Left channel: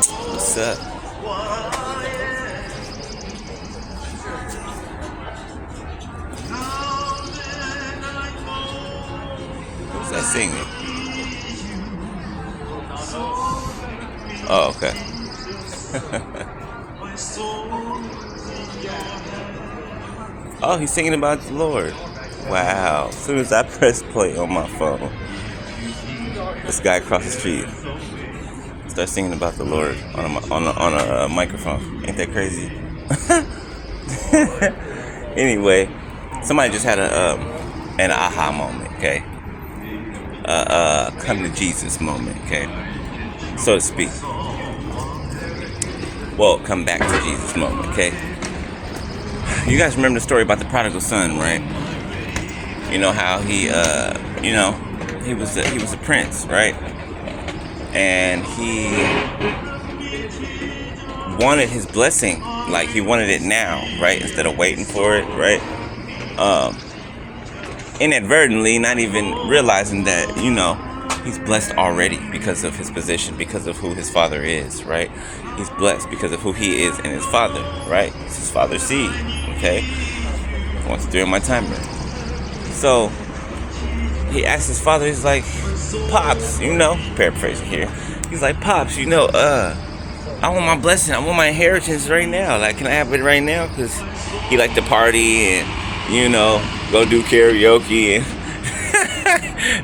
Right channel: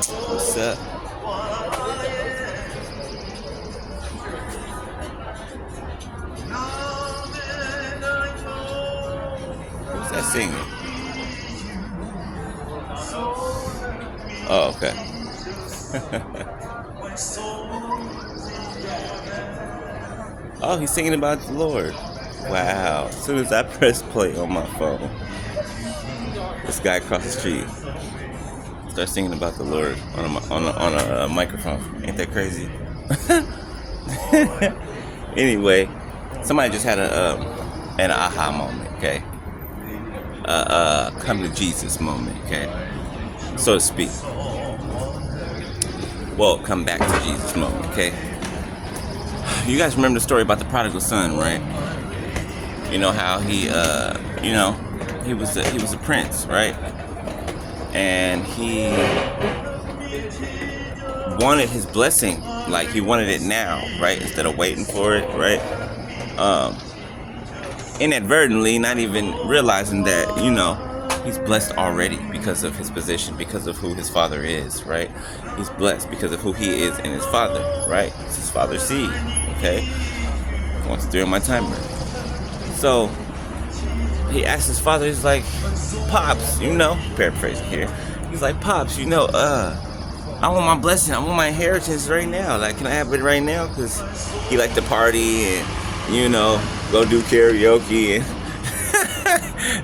What's up? Who's that singing? Oh, okay. Oh, he's singing about the Lord. Wow. As soon as I press play on my phone, this guy across the street starts singing about the Lord on a microphone. Ain't that crazy? Anyway, somebody just had an aha moment, okay? Come to Jesus moment, okay? So to speak. Well, come back to Jesus moment, okay? You guys remember the story about the prodigal son, right? You know how he was a prince, right? And he wanted his blessing, like he wanted it now, right? Instead of waiting for it, right? Inadvertently, not even realizing that, he's blessed already because of his position, because of who his father is, right? He's blessed because of who he is and his father, right? It's his father's seed, okay? Once during my timer. So, he asked his father, he's like, Pops, paraphrasing here. He's like, Pops, I want my blessing, I want my inheritance right now. Like, can I have it right now? Because he liked to party and, go do karaoke and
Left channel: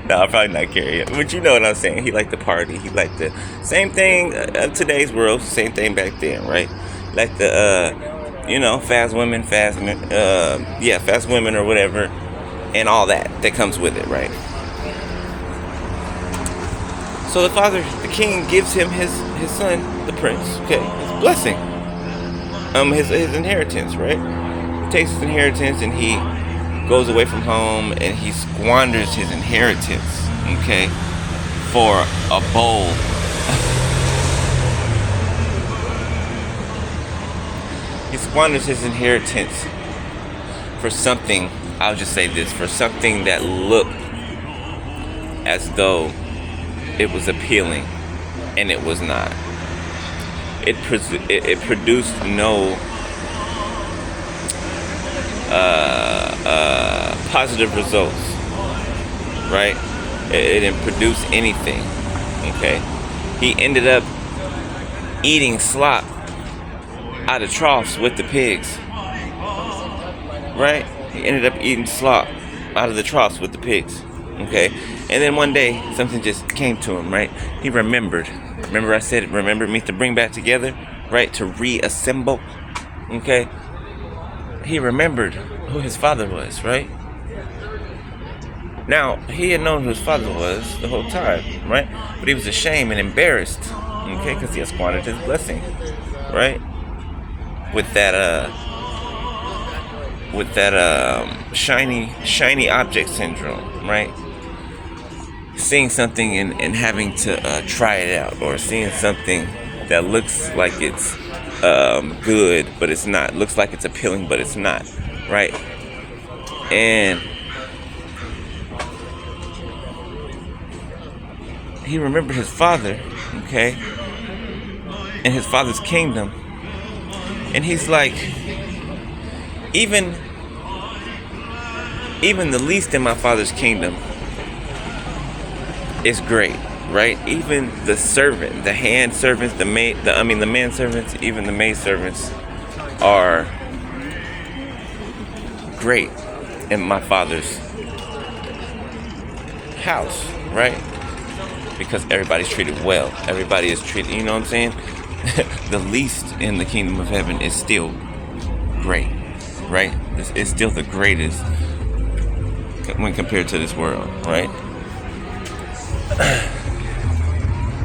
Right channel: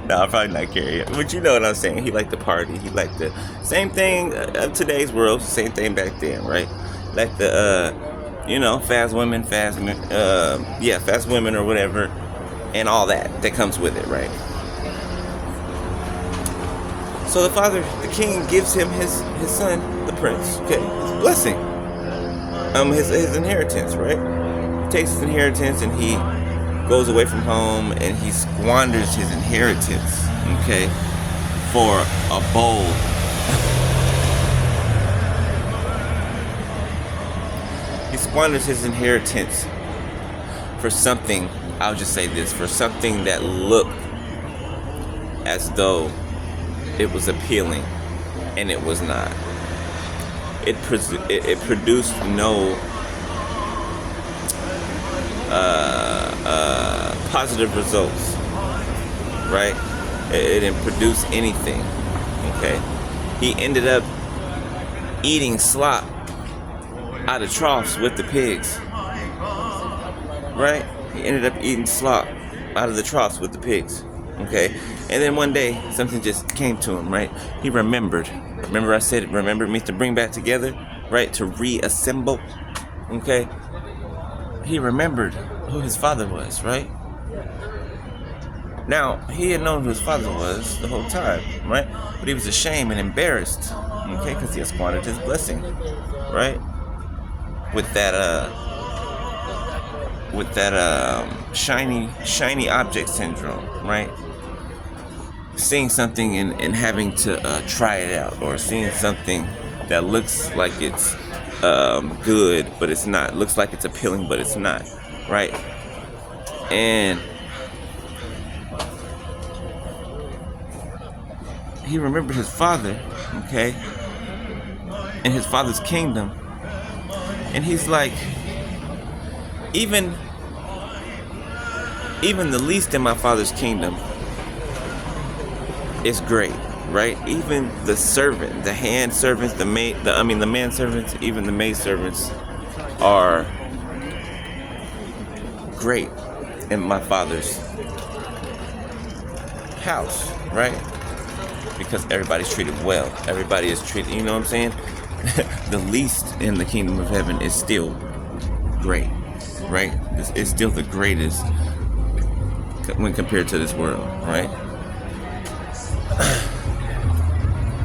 no, probably not karaoke, but you know what I'm saying. He liked to party. He liked the same thing today's world, same thing back then, right? Like the fast women or whatever, and all that comes with it, right? So the father, the king, gives him his son, the prince, okay, his blessing, his inheritance, right? He takes his inheritance and he goes away from home and he squanders his inheritance, okay, for a bowl. He squanders his inheritance for something, I'll just say this, for something that looked as though it was appealing, and it was not. It produced no positive results, right? It didn't produce anything, okay? He ended up eating slop out of troughs with the pigs, right? He ended up eating slop out of the troughs with the pigs, okay? And then one day, something just came to him, right? He remembered. Remember I said, remember means to bring back together, right? To reassemble, okay? He remembered who his father was, right? Now, he had known who his father was the whole time, right? But he was ashamed and embarrassed, okay? Because he had squandered his blessing, right? With that shiny object syndrome, right? Seeing something and having to try it out, or seeing something that looks like it's good, but it's not. Looks like it's appealing, but it's not, right? And he remembered his father, okay, and his father's kingdom, and he's like, even the least in my father's kingdom is great, right? Even the servant, the hand servants, the man servants, even the maid servants are great in my father's house, right? Because everybody's treated well. Everybody is treated, you know what I'm saying? The least in the kingdom of heaven is still great, right? It's still the greatest when compared to this world, right?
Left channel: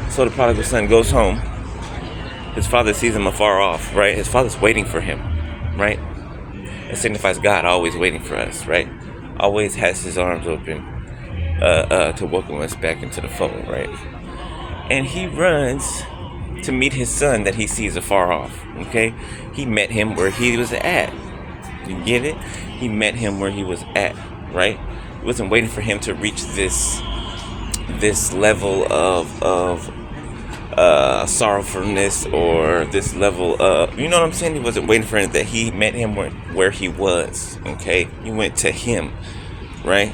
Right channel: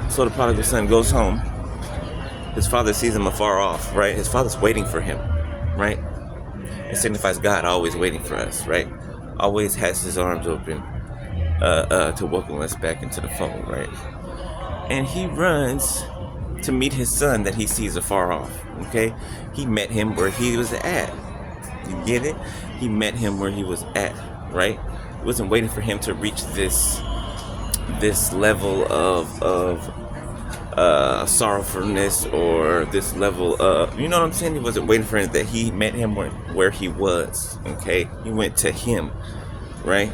So the prodigal son goes home. His father sees him afar off, right? His father's waiting for him, right? It signifies God always waiting for us, right? Always has his arms open to welcome us back into the fold, right? And he runs to meet his son that he sees afar off, okay? He met him where he was at. You get it? He met him where he was at, right? He wasn't waiting for him to reach this level of sorrowfulness or this level of, you know what I'm saying? He wasn't waiting for it. That he met him where he was. Okay, he went to him, right?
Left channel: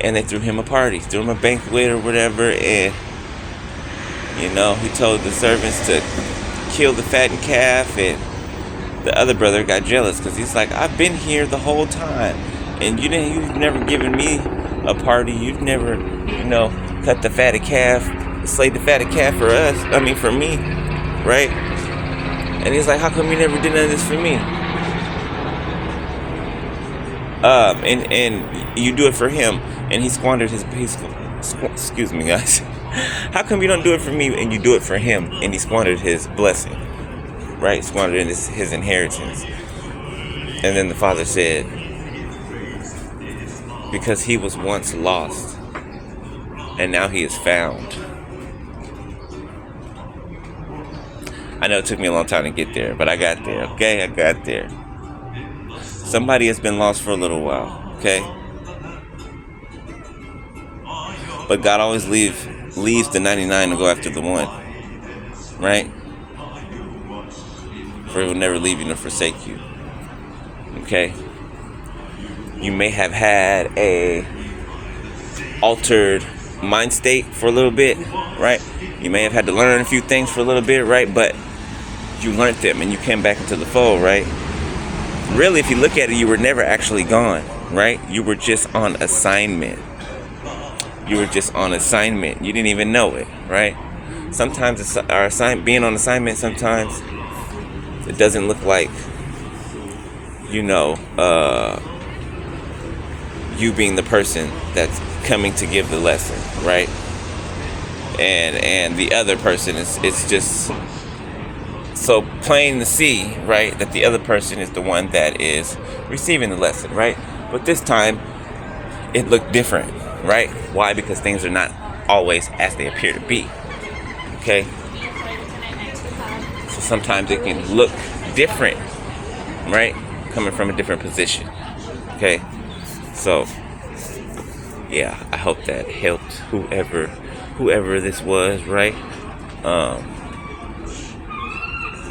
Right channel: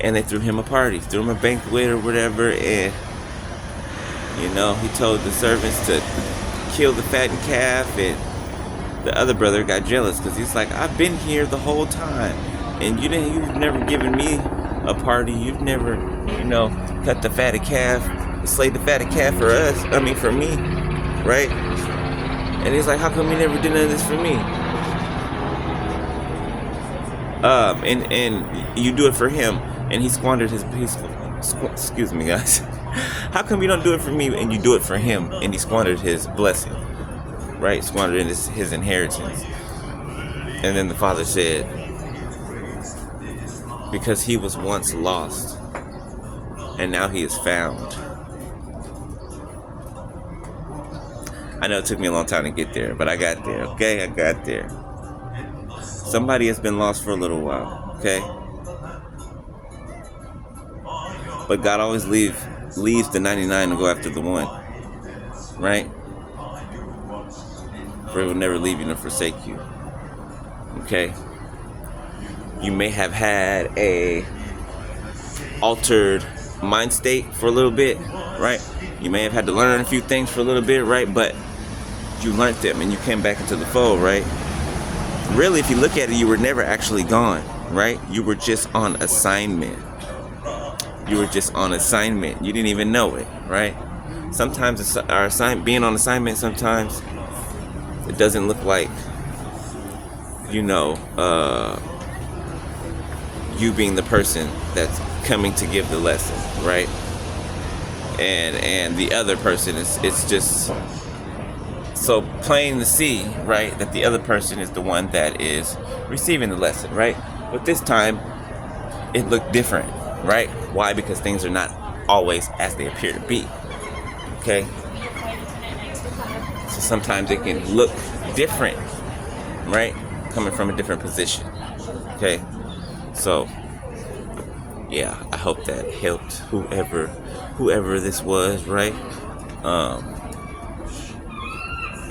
And they threw him a party, threw him a banquet or whatever, and he told the servants to kill the fattened calf, and the other brother got jealous because he's like, I've been here the whole time, and you've never given me a party. You've never, cut the fatted calf, slayed the fatted calf for me, right? And he's like, how come you never did none of this for me? And you do it for him, and he squandered excuse me, guys. How come you don't do it for me and you do it for him, and he squandered his blessing, right? Squandered his inheritance. And then the father said, because he was once lost, and now he is found. I know it took me a long time to get there, but I got there, okay? I got there. Somebody has been lost for a little while, okay? But God always leaves the 99 to go after the one, right? For he will never leave you nor forsake you, okay? You may have had a altered mind state for a little bit, right? You may have had to learn a few things for a little bit, right? But you learned them and you came back into the fold, right? Really, if you look at it, you were never actually gone, right? You were just on assignment. You were just on assignment. You didn't even know it, right? Sometimes it's being on assignment, sometimes it doesn't look like, you being the person that's coming to give the lesson, right? And the other person it's just so plain to see, right, that the other person is the one that is receiving the lesson, right? But this time it looked different, right? Why? Because things are not always as they appear to be, okay? So sometimes it can look different, right? Coming from a different position, okay? So yeah, I hope that helped whoever this was, right?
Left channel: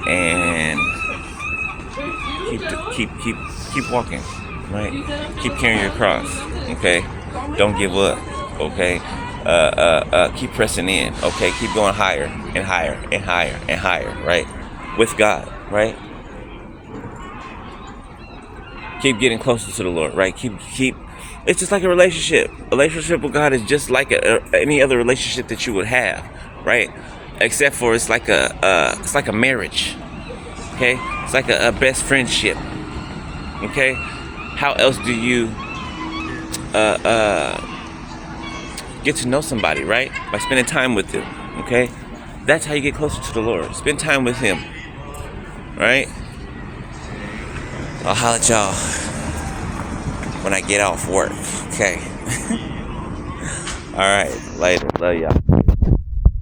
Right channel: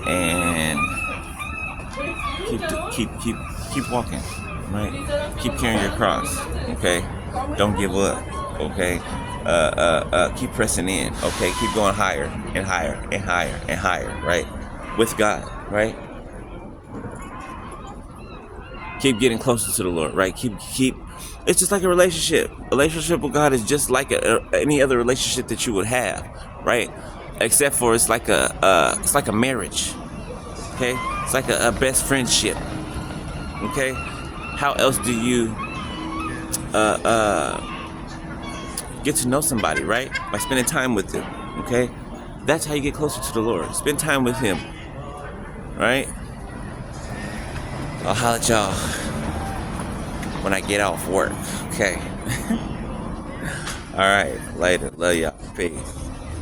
And keep walking, right? Keep carrying your cross, okay? Don't give up, okay? Keep pressing in, okay? Keep going higher and higher and higher and higher, right? With God, right? Keep getting closer to the Lord, right? Keep. It's just like a relationship. A relationship with God is just like any other relationship that you would have, right? Except for it's like a marriage, okay? It's like a best friendship, okay? How else do you get to know somebody, right? By spending time with them, okay? That's how you get closer to the Lord. Spend time with Him, right? I'll holler at y'all when I get off work, okay? All right, later. Love y'all. Peace.